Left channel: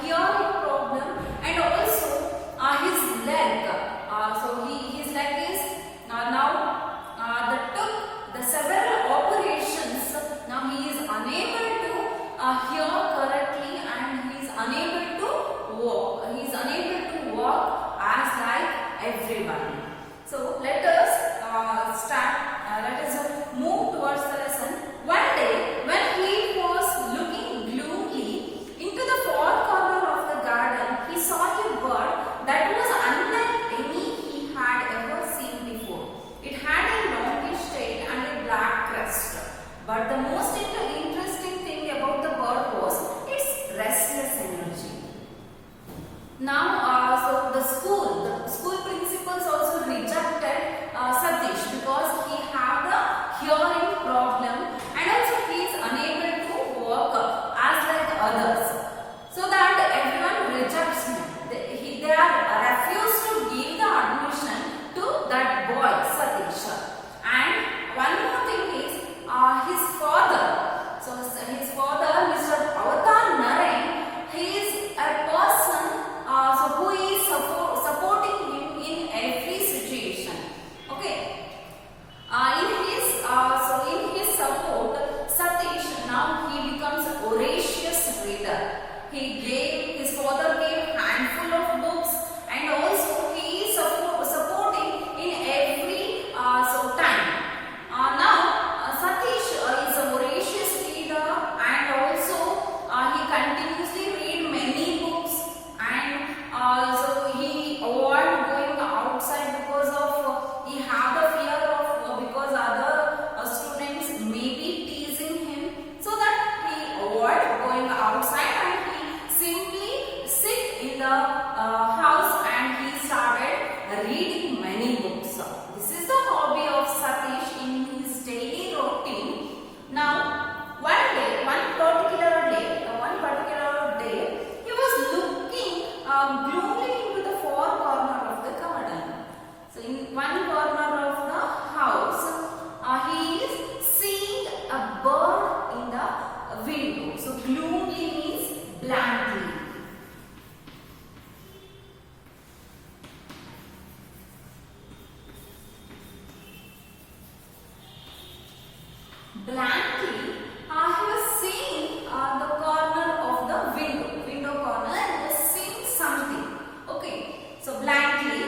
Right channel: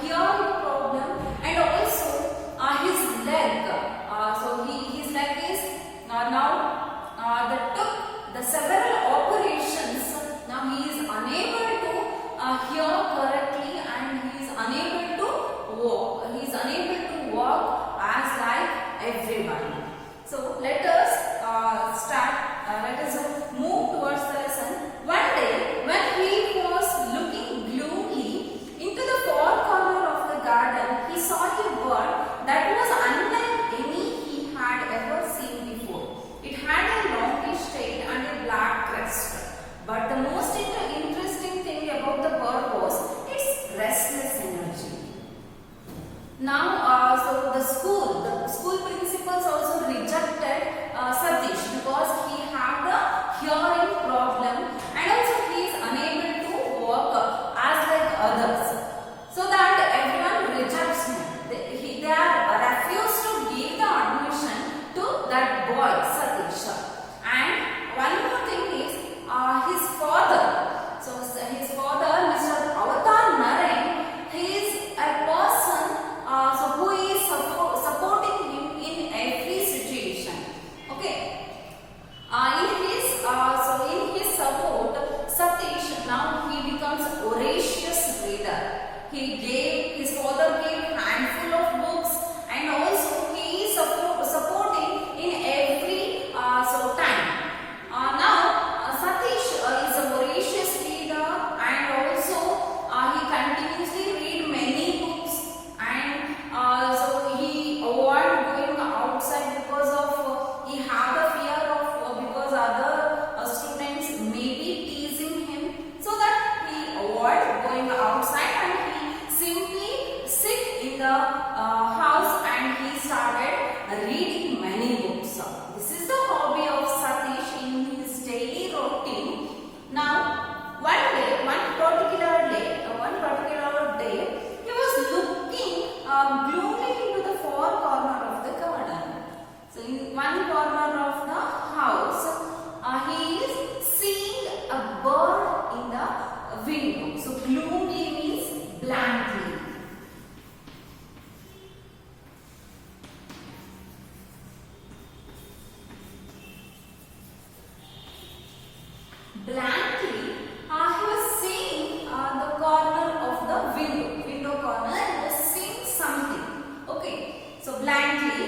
hearing problem, and also his leg. So his leg is now that took the several operations. Now he is unable to hear correctly, and he is unable to walk. He is unable to walk as like everyone. So let us start. Let us move towards the lesson. One day, when he was looking gloomily into the far corner of the garden, he saw a bird that was unlike any he had ever seen before. It had a longish tail and a black crest. But the most interesting thing about the bird was its restless energy. Now, so the school principals also rejected Satish because he had the hearing problem, and also he is unable to walk as like others. So that everyone rejects him. They are refused to give the admission to that boy Satish. And one more thing is his father. So his father, Mr. Avatar Narayan, he is a person who is supporting him in every situation. Okay. In his support, Satish now he becomes a voracious reader. His father gave handful of books, and also he is supporting in every time. Now Satish is a voracious reader, and also he continuously read many books, and so he avoid going outside because of he have the fear of because other students may be teasing him, so that he avoid going outside, and he simply sit in the house, and he started reading many books. This is the hobby of Satish in his daily routine. Now, one particular day, he was looking gloomily into the far corner of the garden. So, in one corner of the house, he is seeing a bird in the window. So, gloomily means blankly. Blankly, he was seeing the corner of the window corner, and was seeing something. Okay, so blankly,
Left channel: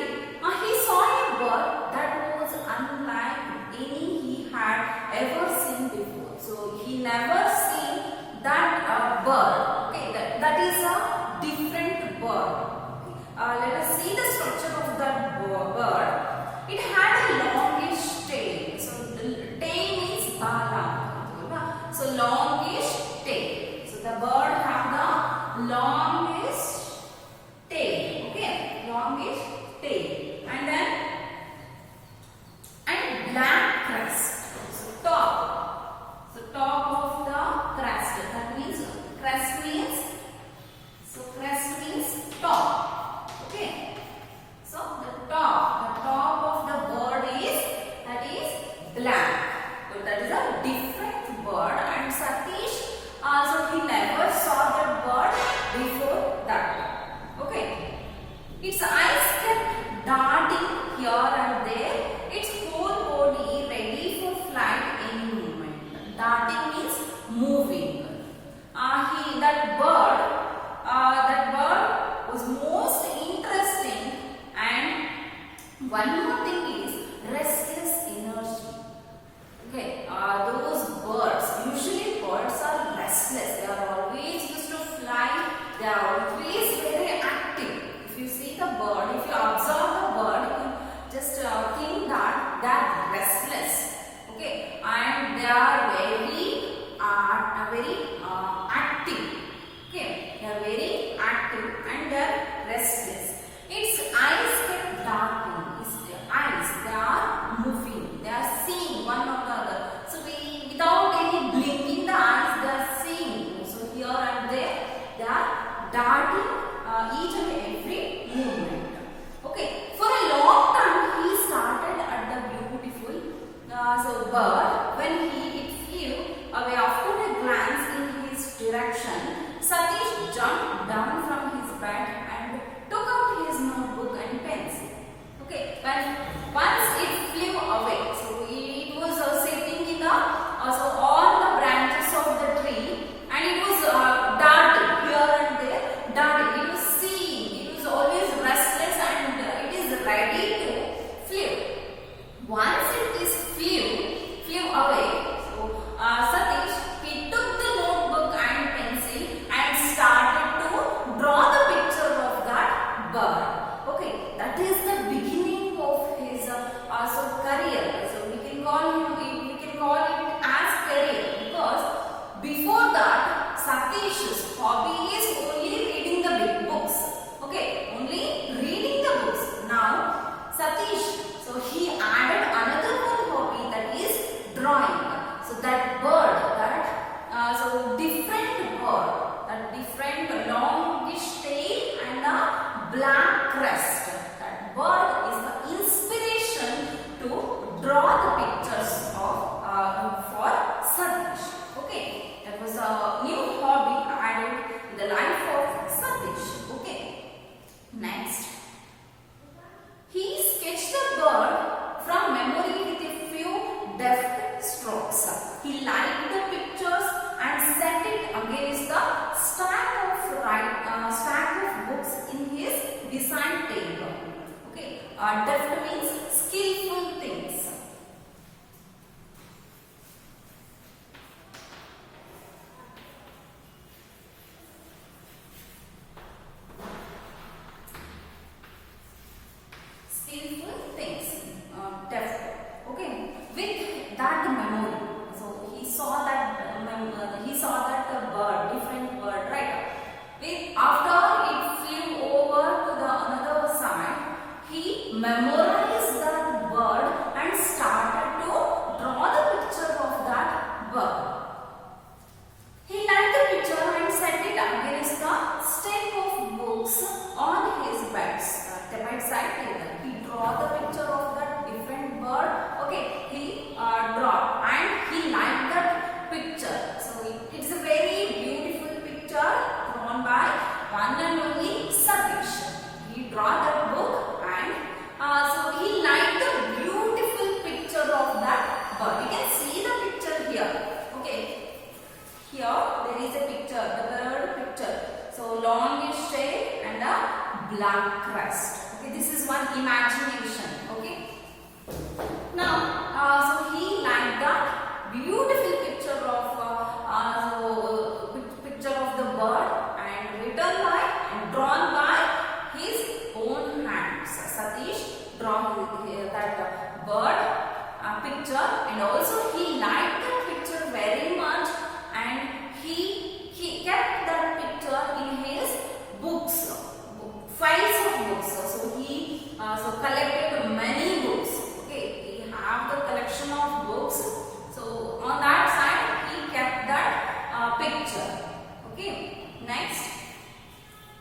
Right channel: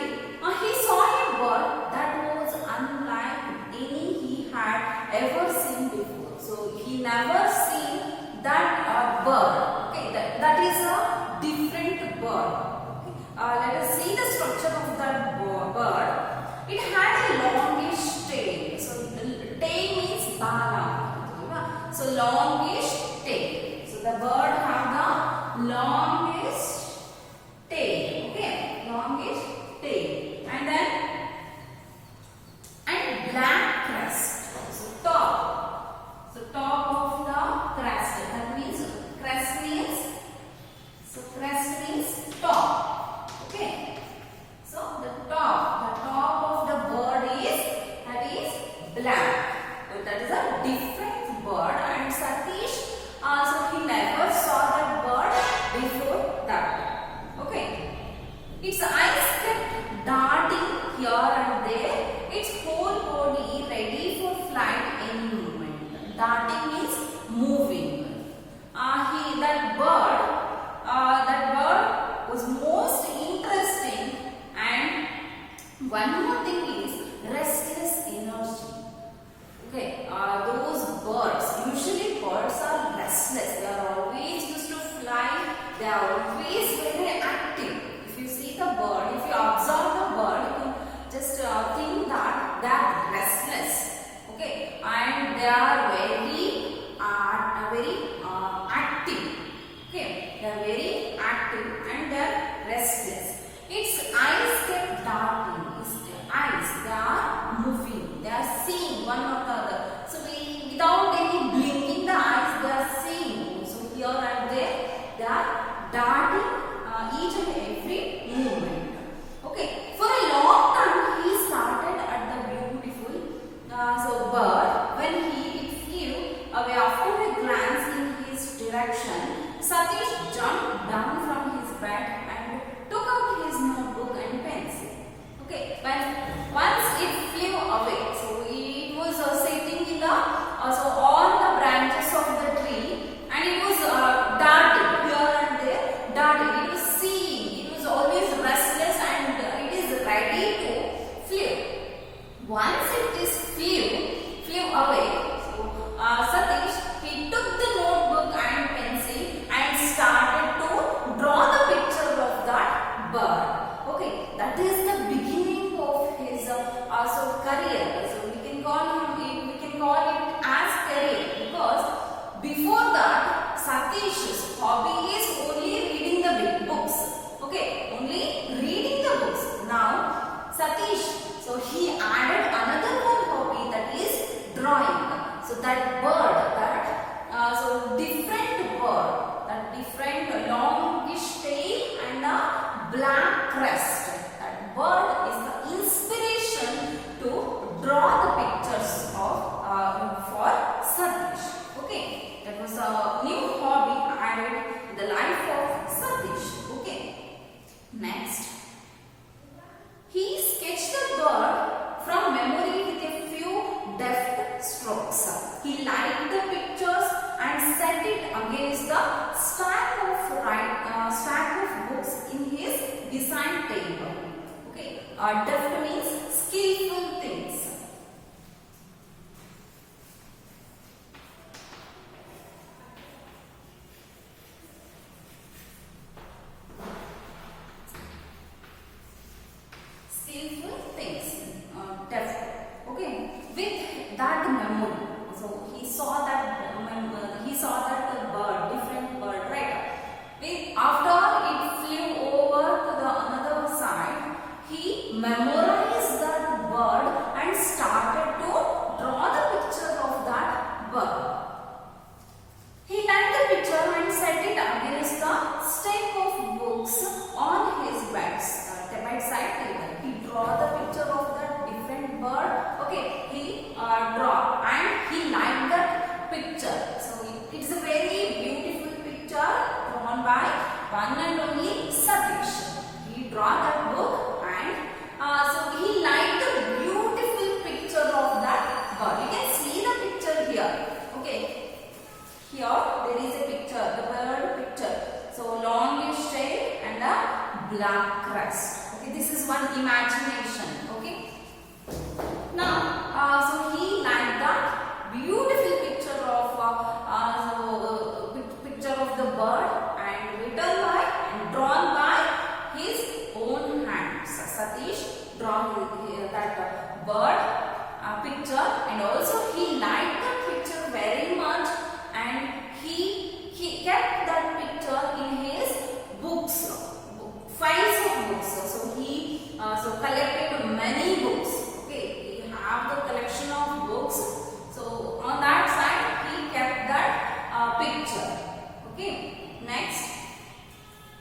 he saw a bird that was unlike any he had ever seen before. So he never seen that bird. Okay, that is a different bird. Okay. Let us see the structure of that bird. It had a longish tail. So tail means bala. So longish tail. So the bird have the longish tail. Okay, longish tail, and then black crest. So top. So top of the crest. That means crest means top. Okay. So the top of the bird is black. So that is a different bird, and Satish also he never saw that bird before that. Okay. Its eyes kept darting here and there, its whole body ready for flight any moment. Darting means moving. That bird was most interesting, and one more thing is restless energy. Okay, those birds, usually birds are restless. They are always used to fly. They are always very active. If you see the bird, if you observe the bird, you can just think that they are restless. Okay, and they are very active. Okay, they are very active and they are restless. Its eyes kept darting. They are moving. They are seeing one or the other. So without any blinking the eyes, they are seeing. So here and there, they are darting each and every movement. Okay. For a long time, he started at the beautiful bird. When it flew away after a glance in his direction, Satish jumped down from black crest. That bird is the inspiration to draw the pictures of for Satish. Okay, that was a new hobby added in the life of Satish. Okay, next, he sketched the bird from memory with a few deft strokes. He lined the pictures and set it against the stack of books in his design table. Okay, deft means skillful things. Skillful things, deft. Okay, with that memory. So he saw that bird, different bird, right? After it flew over to the another side, he memorized that bird and started to draw the picture of that bird. He lined the picture and set it against the stack of books on his bedside table. He draw the picture of that different bird. Okay, he draw and he liked that picture. So it's a very beautiful picture drawn by one and only Satish. He draw that book and so he liked the beautiful picture of that bird. You can see the picture here. Okay, here there is a picture, the bird picture. So longish tail and a black crest. Okay, this is one imagination. Okay. Now, so he liked that beautiful picture of picture of the bird and written by and drawn by his own hands. Satish drawn that bird picture, and also he liked that picture very much, and he kept that picture in his books, files of books. So he collected many books. Okay, he have the collection of books. So on that side he kept that picture. Okay, next,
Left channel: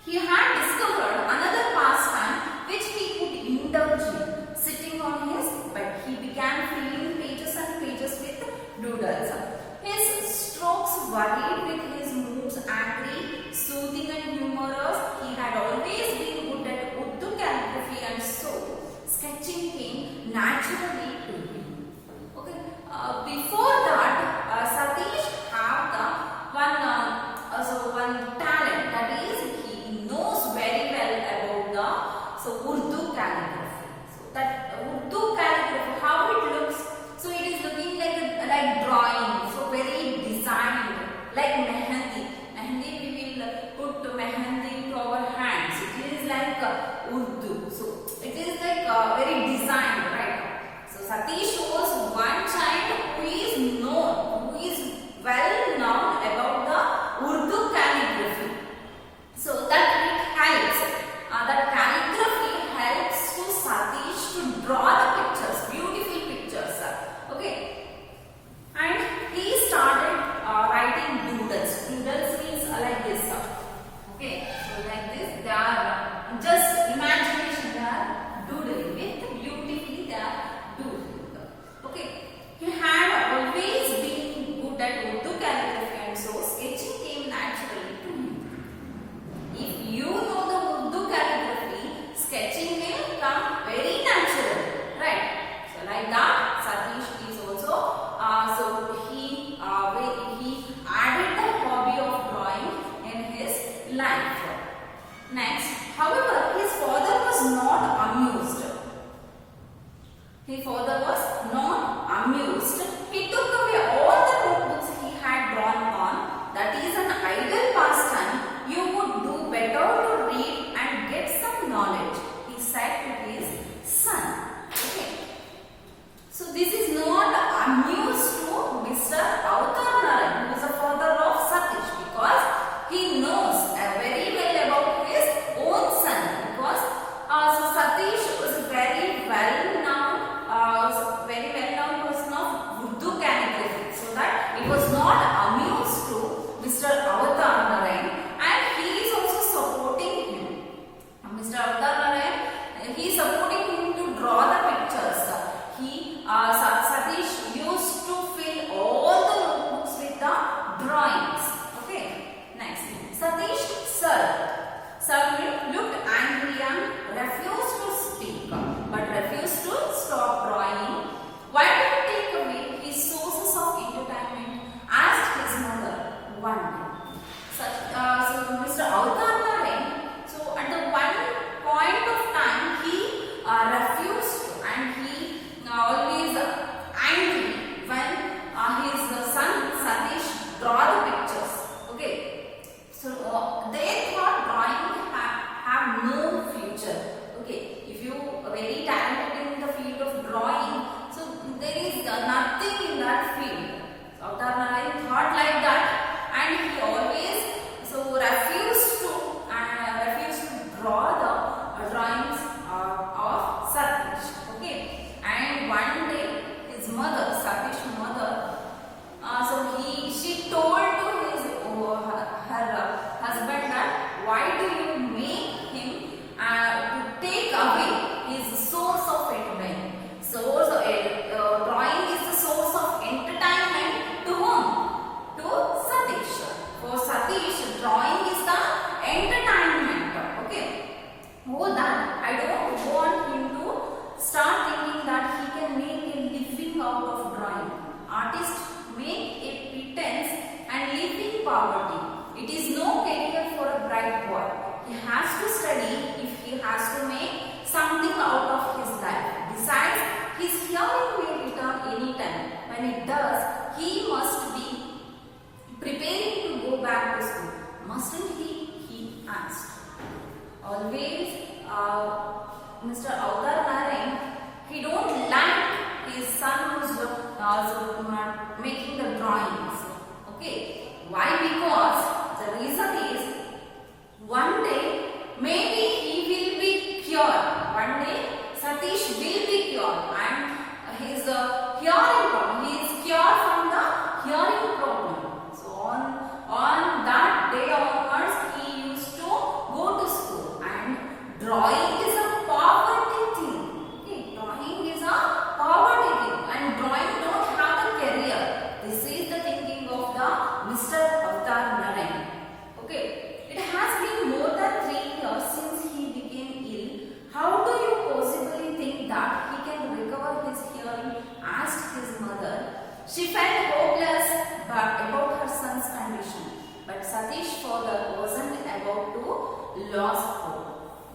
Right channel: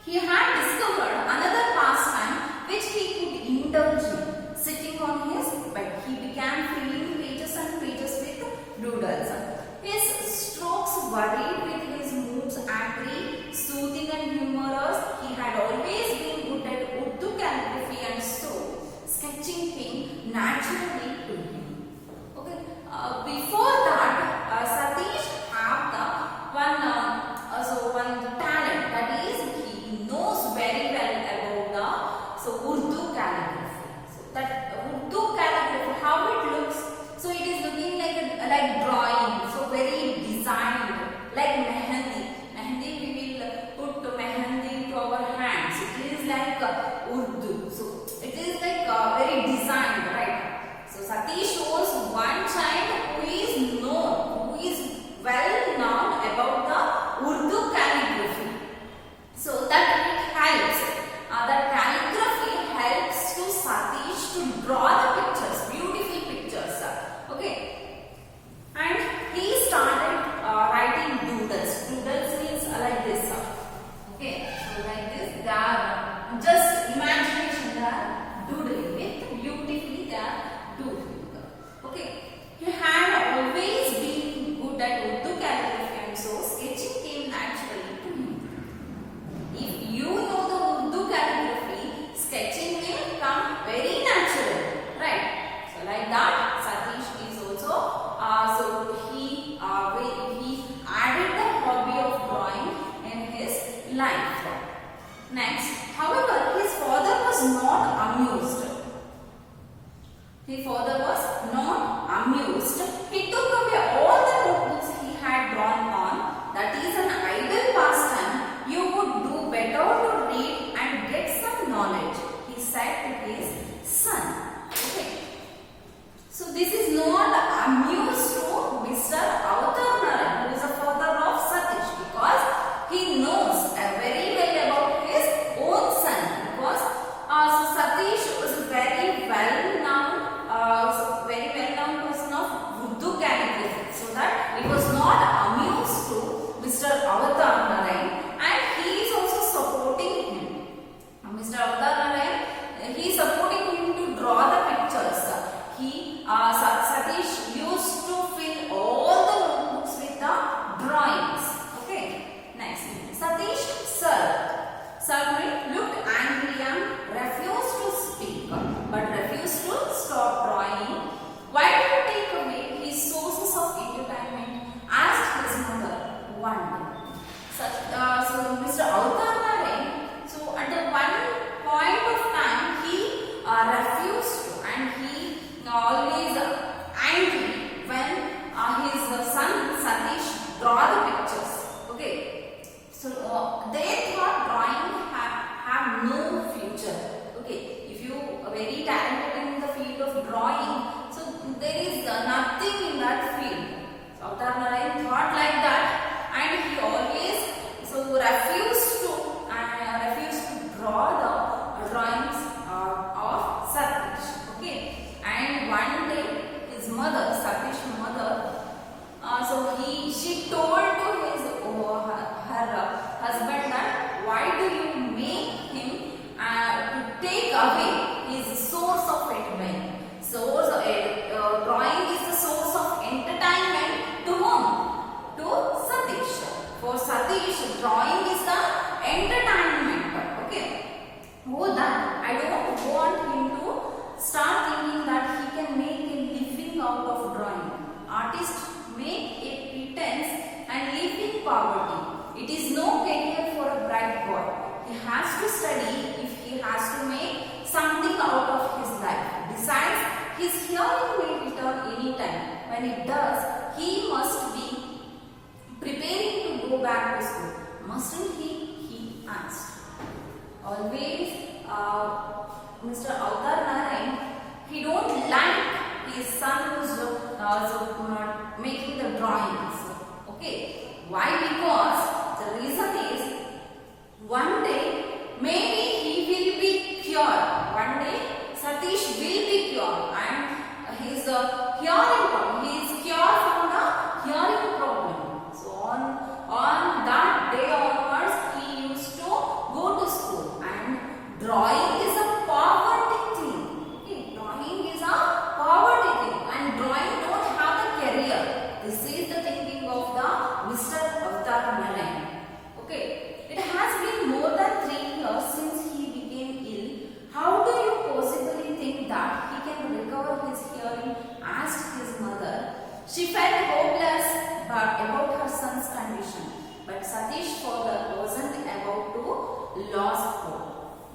he had discovered another pastime which he could indulge in. Sitting on his bed, he began filling pages and pages with doodles. His strokes varied with his moods, angry, soothing and humorous. He had always been good at Urdu calligraphy, and so sketching came naturally to him. Okay, before that, Satish have the one talent, that is he knows very well about the Urdu calligraphy. So that Urdu calligraphy, how it looks. So it is looking like drawing, so very designed, like mehendi. Mehendi, we will put mehendi to our hands. It is like Urdu. So it is like very designed, right? So Satish shows one child who is known, who is well known about the Urdu calligraphy. So that it helps. That calligraphy helps to Satish to draw the pictures, beautiful pictures. Okay, and he started writing doodles. Doodles means like this. Okay, so like this, they are just imagination, they are doodling with beautifully, they are doodling. Okay, he had always been good at Urdu calligraphy, and so sketching came naturally to him. If you know the Urdu calligraphy, sketching will come very natural, right? So like that, Satish is also he added the hobby of drawing in his life. Next, however, his father was not amused. His father was not amused. He took away all the notebooks he had drawn on. That is an idle pastime. You would do better to read and get some knowledge, he said to his son. Okay. So this is not amused to Mr. Avatar Narayan, who is the father of Satish, because he knows very well about his own son. Because so Satish was a very well known person of Urdu calligraphy. So that it was not amused to Mr. Avatar Narayan, and he is also supporting away his source of entertainment. Drawing is the source of entertainment to whom? To Satish. For Satish, drawing is the entertainment. Okay. More than, I don't want him to start thinking that he can make a living out of drawing. Artists make a pretense and live in poverty. It is no career for a bright boy. He has to study if he has to make something out of his life. Besides, his hearing may return anytime. When it does, he must be preparing to go back to school. Mustn't he? He asked. Always, Mr. Avtar Narayan, he don't like his son who's making the drawings. Okay. Why? Because the reason is, one day maybe he will be cured. One day Satish will be cured and his hearing problem, he is cured from the hearing problem. So on that day onwards he used to go to school, and drawing is a poverty thing. Okay, drawing is a poverty thing, and drawing don't have a career. This is the thinking of the Mr. Avtar Narayan. Okay, it has been more than 3 years since he became ill. How do you possibly think that he can recover his hearing? Asked his mother. She felt hopeless about her son's condition. But Satish's father wasn't about to lose hope.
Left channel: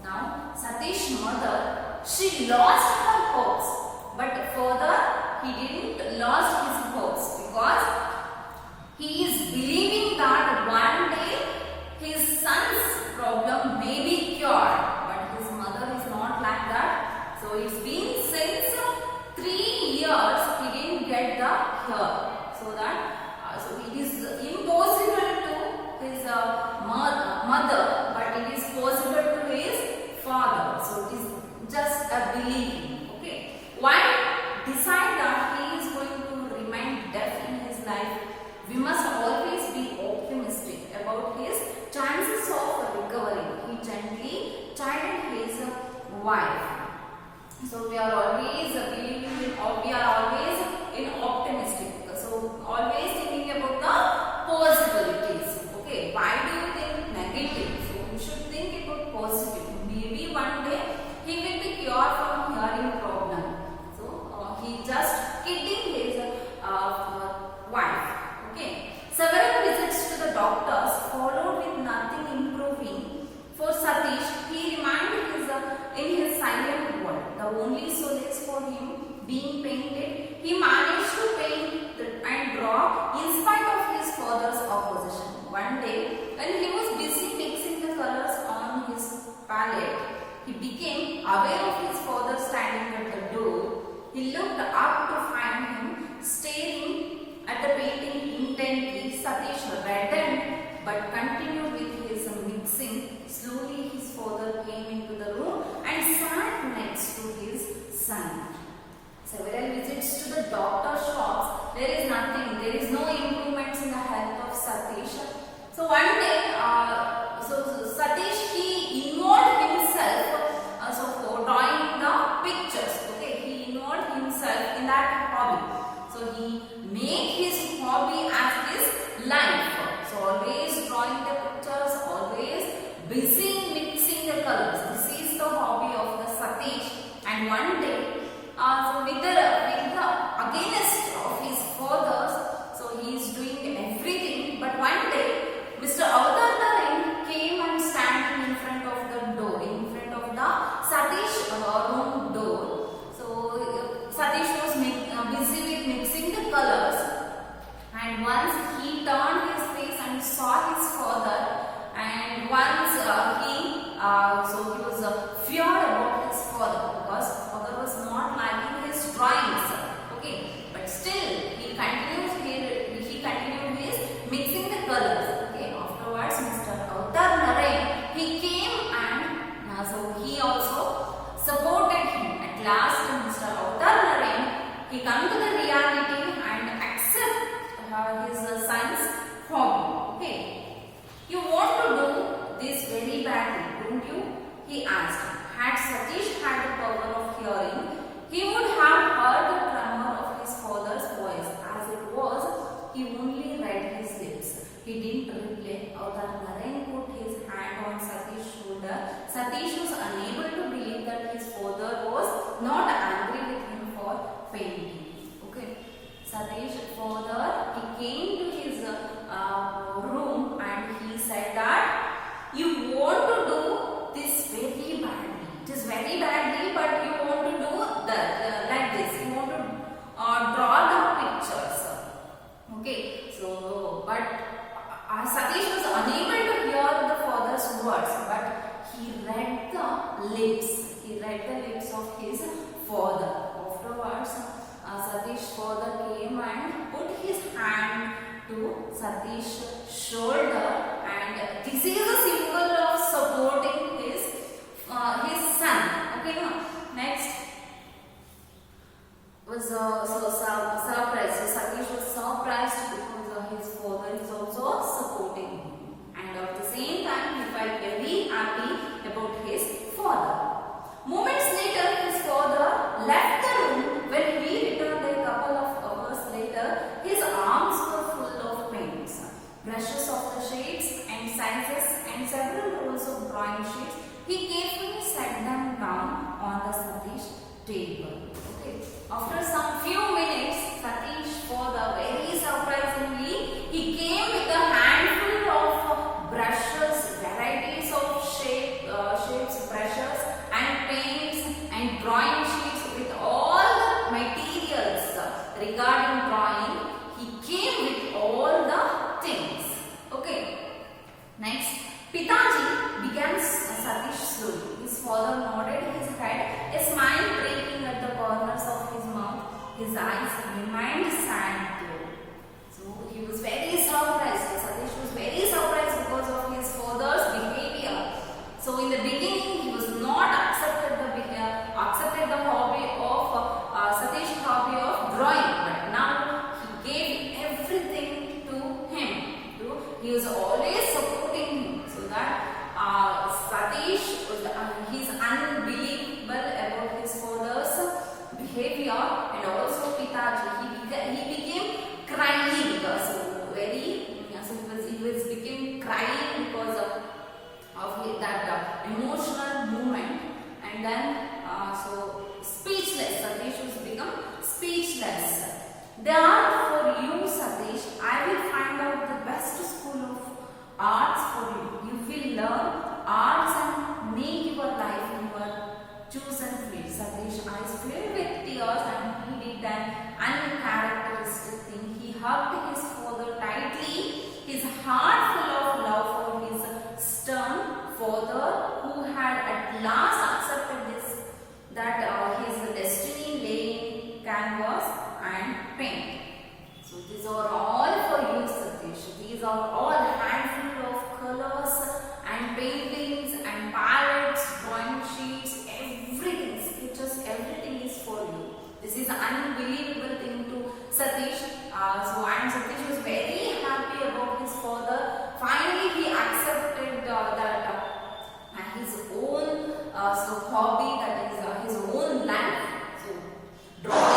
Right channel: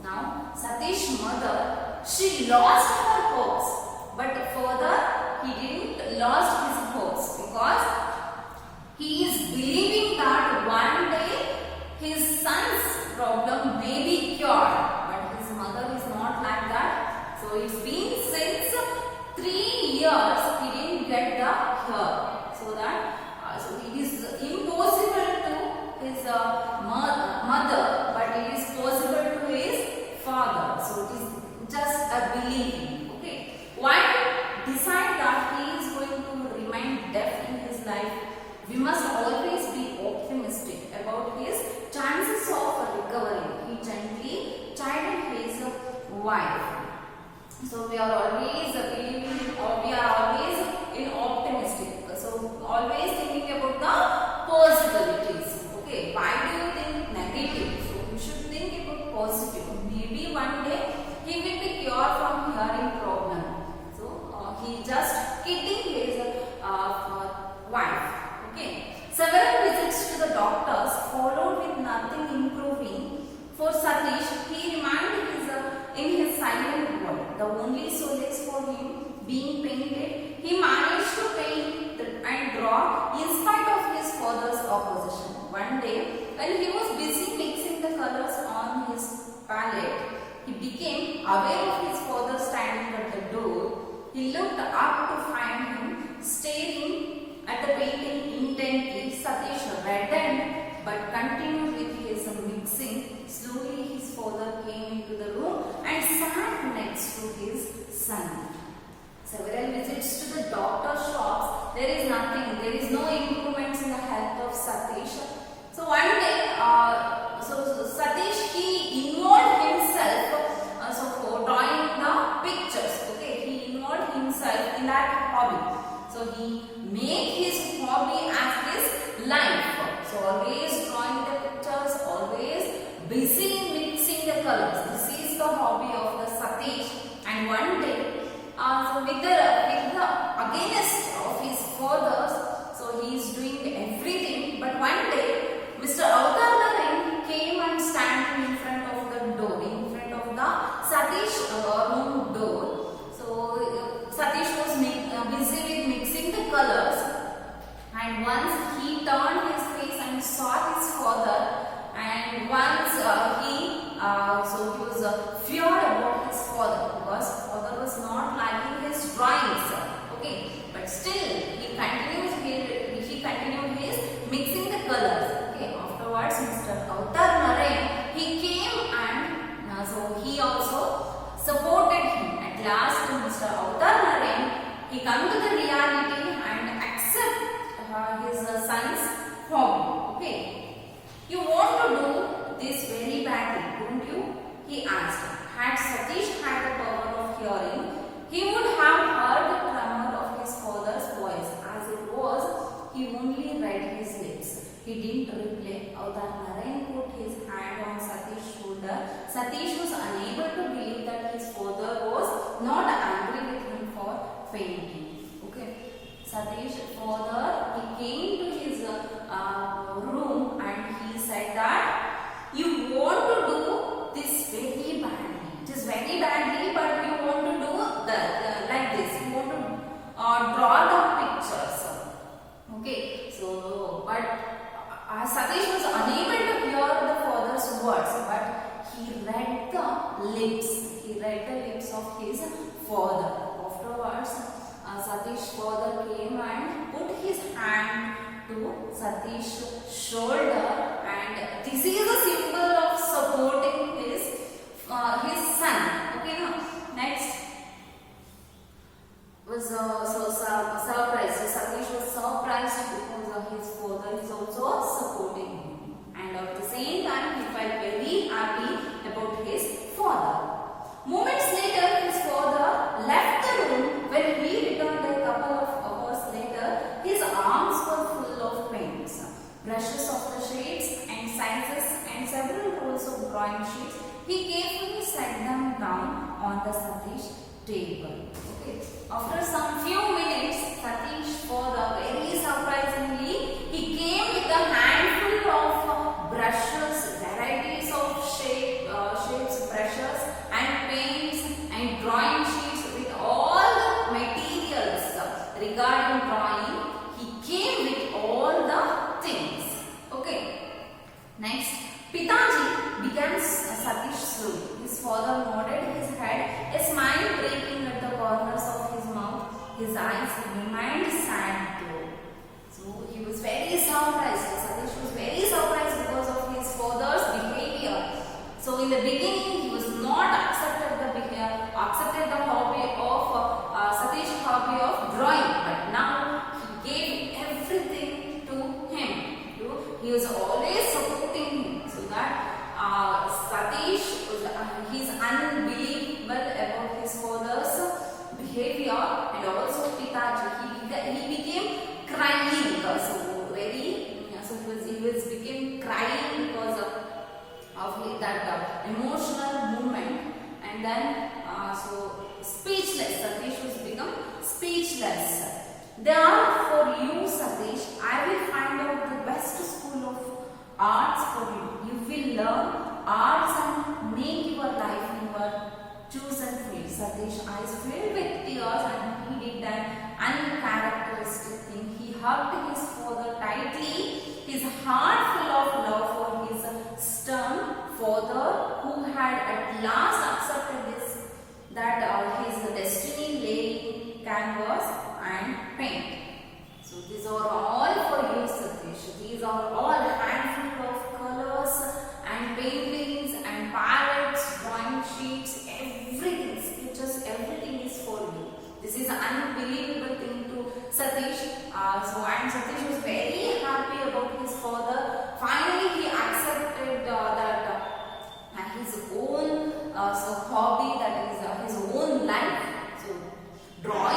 Now, Satish's mother, she lost her hopes. But further, he didn't lose his hopes because he is believing that one day his son's problem may be cured. But his mother is not like that. So it's been since 3 years he didn't get the hear. So it is impossible to his mother, but it is possible to his father. So it is just a believing. Okay. Why decide that he is going to remain deaf in his life? We must always be optimistic about his chances of recovery. He gently chided his wife. So we are always believing in, or we are always in optimistic. So always thinking about the possibilities. Okay, why do you think negative? So you should think about positive. Maybe one day he will be cured from hearing problem. So he just kidding his wife. Okay. Several visits to the doctors followed with nothing improving. For Satish, he remained in his silent world. The only solace for him being painted, he managed to paint and draw in spite of his father's opposition. One day, when he was busy mixing the colors on his palette, he became aware of his father standing at the door. He looked up to find him staring at the painting intently. Satish reddened but continued with his mixing. Slowly his father came into the room and sat next to his son. Several visits to the doctor shops, there is nothing, there is no improvements in the health of Satish. So one day, Satish, he involved himself for drawing the pictures. Okay, he involved himself in that hobby. So he made his hobby as his life. So always drawing the pictures, always busy in mixing the colors. This is the hobby of the Satish. And one day, with the against of his fathers, so he is doing everything. But one day, Mr. Avtar Narayan came and standing in front of the door, in front of the Satish room door. So Satish was busy with mixing the colors, and once he turned his face and saw his father, and once he was feared about his father because father was not liking his drawings. Okay, but still he continued his mixing the colors. Okay, afterwards Mr. Avtar Narayan, he came and so he also supported him. At last Mr. Avtar Narayan, he come to the reality and accept his son's hobby. Okay, you want to do this very badly, don't you? He asked. had Satish had the power of hearing, he would have heard the tremor of his father's voice. As it was, he only read his lips. He didn't reply. Avtar Narayan put his hand on Satish's shoulder. Satish was unable to believe that his father was not angry with him for painting. Okay. Satish's father, he came to his room and he said that you want to do this very badly. It is very badly, but you want to do like this. You want to draw the pictures. Okay. So, but Satish was unable to hear the father's words, but he read the lips. He read the lips of his father. Afterwards, Satish's father came and put his hand to Satish's shoulder, and this is a symbol of supporting his son. Okay, now next was surprised. So Satish was surprised because his father is also supporting him, and at the same time he felt very happy about his father. Moments later, his father left the room. When he returned a couple of hours later, his arms were full of paints, brushes of the shades and sizes, and several rolls of drawing sheets. He carefully set them down on the Satish table. Okay. After some few minutes, Satish's father, very surprisingly, he came with a handful of brushes, varieties of shapes, brushes and paints and drawing sheets with all the materials regarding drawing. He came with all the things. Okay. Next, Pitaji began Satish slowly. His father nodded his head, a smile breaking at the corners of his mouth. His eyes remained sad though. So he was very surprised. Satish was very surprised because of his father's behavior. So in the beginning, he was not accepted the hobby of Satish's hobby of drawing, but now he gave everything to him. He was always supporting him, so that Satish was he's unbelievable about his father's behavior, and also Pitaji. He became crying. He became crying because of that emotional moment, and then speechless. Satish was become speechless. Therefore, you, Satish, I will find out the best school of arts for you. You will learn arts and make your life in your chosen field. Satish's eyes filled with tears, and he did an uncharacteristic thing. He hugged his father tightly, his heart full of love for his stern father, who had at last accepted that his destiny lay in canvas and paint. So these are all for you, Satish. These are all handful of colors and paintings and palettes, drawing sheets, everything, sketches, everything is for you. This is an unbelievable thing to Satish. And Satish was very happy about his father. Finally, he accepted that his own hobby, that is his own life. So drawing